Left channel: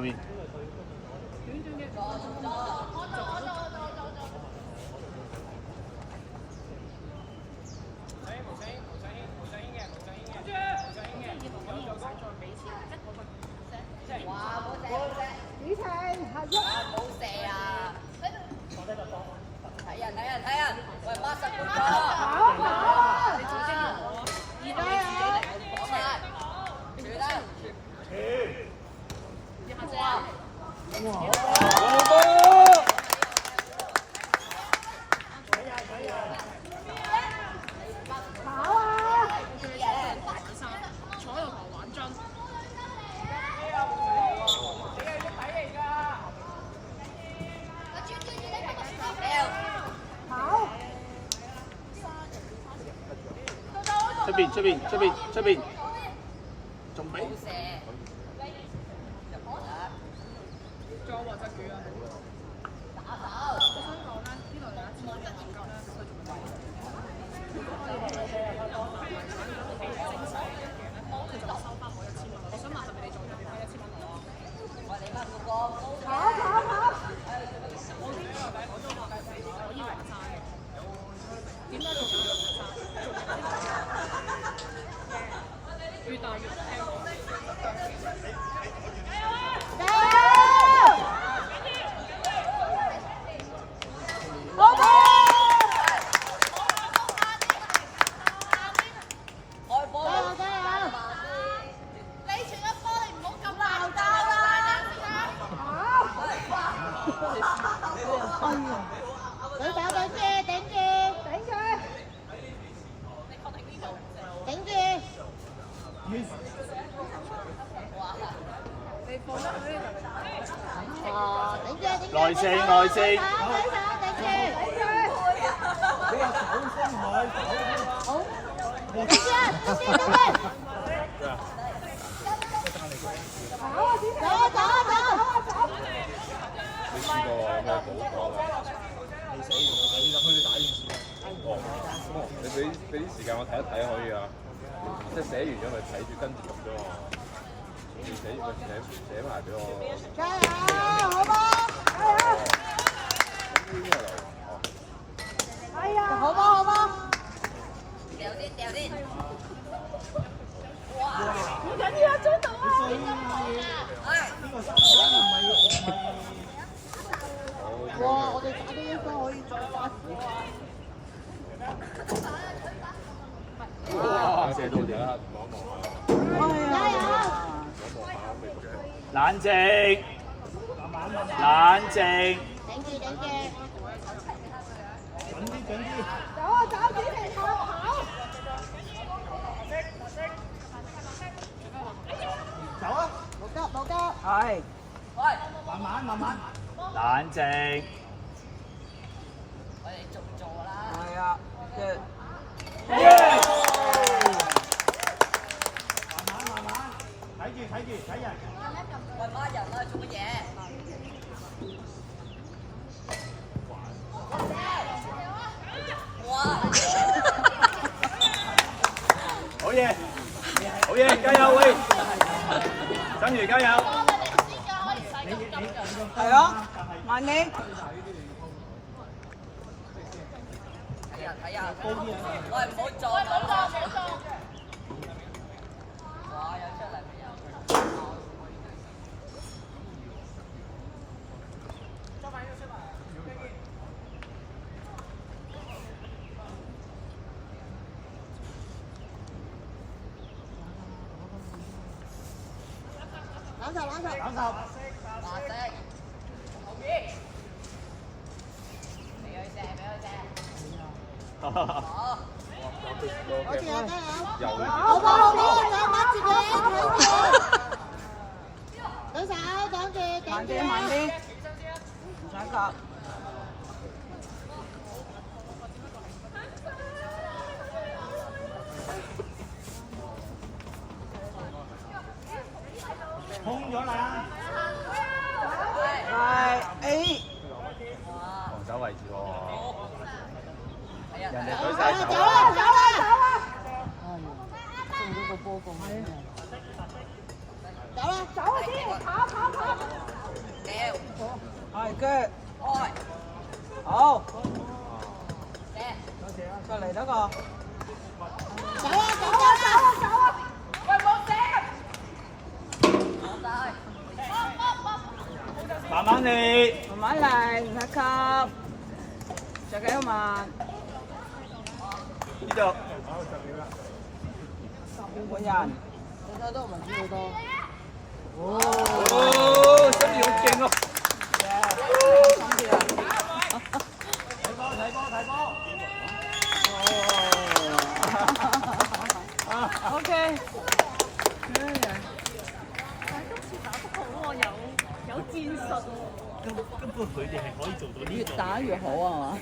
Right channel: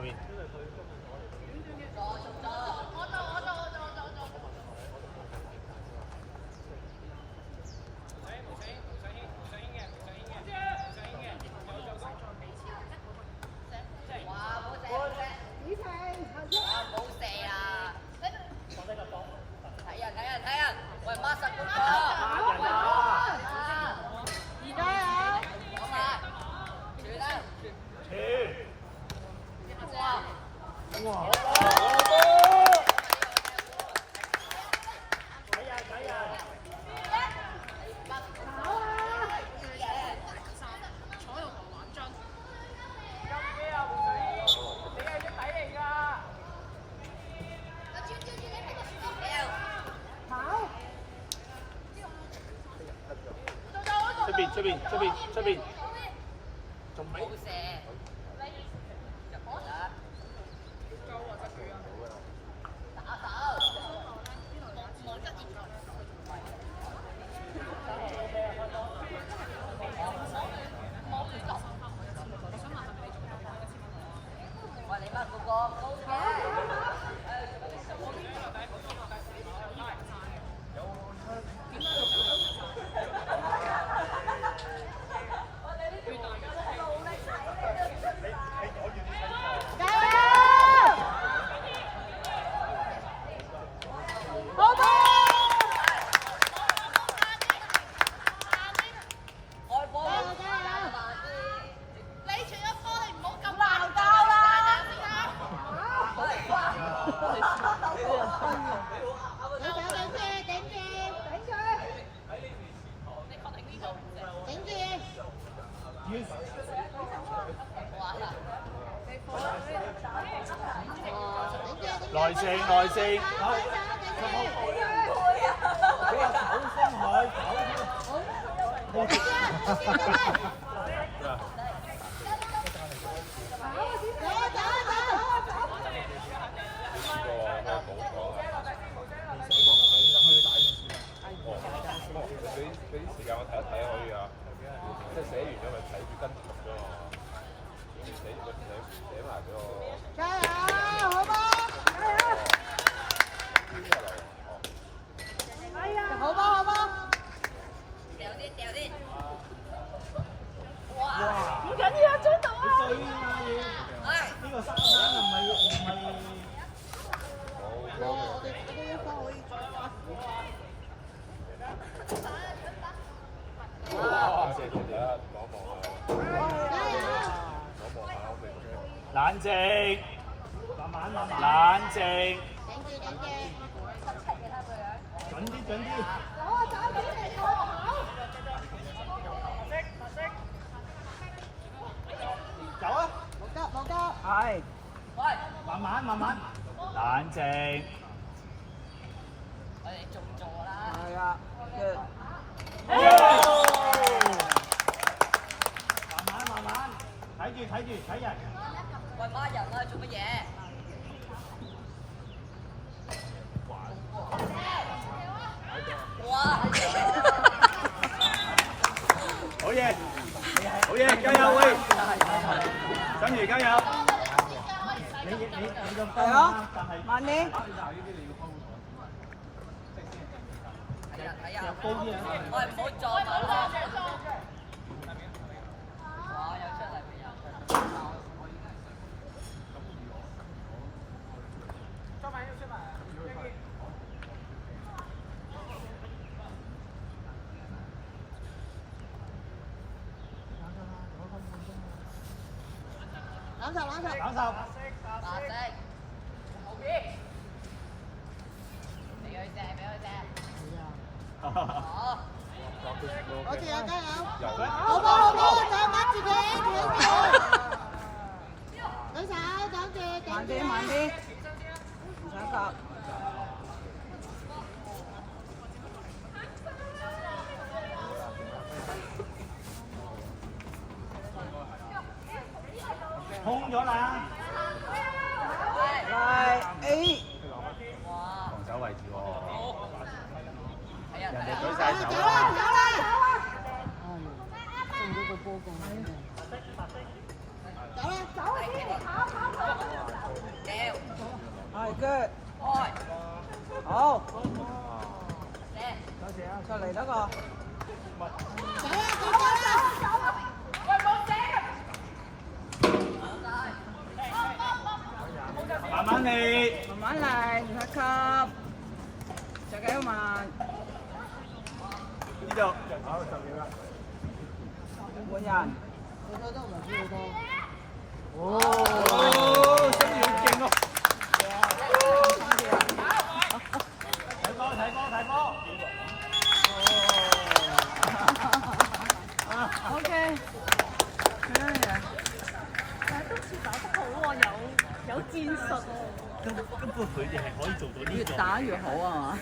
外面。喂，孖實嗰個，而家啊，講埋，住啦，出邊，仲俾。冇射，入波啦，打手，冇質疑佢。冇亂動。喂，你乜嗰個高嘅？內射，俾啲時間我睇一睇可以啊，即係寫完咗咪睇住跟住讀咗，寫埋俾我。加油，好嗎？加油！係啊，好嗎？好嗎？掉啲。哇！唔緊要，追到啊！係。呢個三分唔係。哇！我哋打咗一分可以再加時啊！射到點？加油！冷靜，冷靜。頂住！準啲！走主嚟跑！走啊！冇急！係。喂，慢慢。冷靜。我哋仲做啦。係啊。慢慢，睇人。喂，孖人啊，做乜嘢？哇！好嘢，加油喂！等住加油！係啊，慢啲。睇下，喂，唔好撞我！哇，有出嚟未有？冷手。白色，後邊，俾佢射。好。好似有加油！好冇，擋住佢，舉手，擋住慢啲，唔想割。空咗啦！係 A。哇！防守位置喎。睇啊！走啦！送咗個波過去。走啦！走先，跑！嚟得個。走啊走啊！慢慢嚟，慢慢嚟，拍級，着幾好慢。呢度。好，10秒啦。半個人。你睇都唔係好多。哦，真係好勁啊！OK。有戰術喎。根本佢哋係可以做到呢越個。打越好啊嘛。係。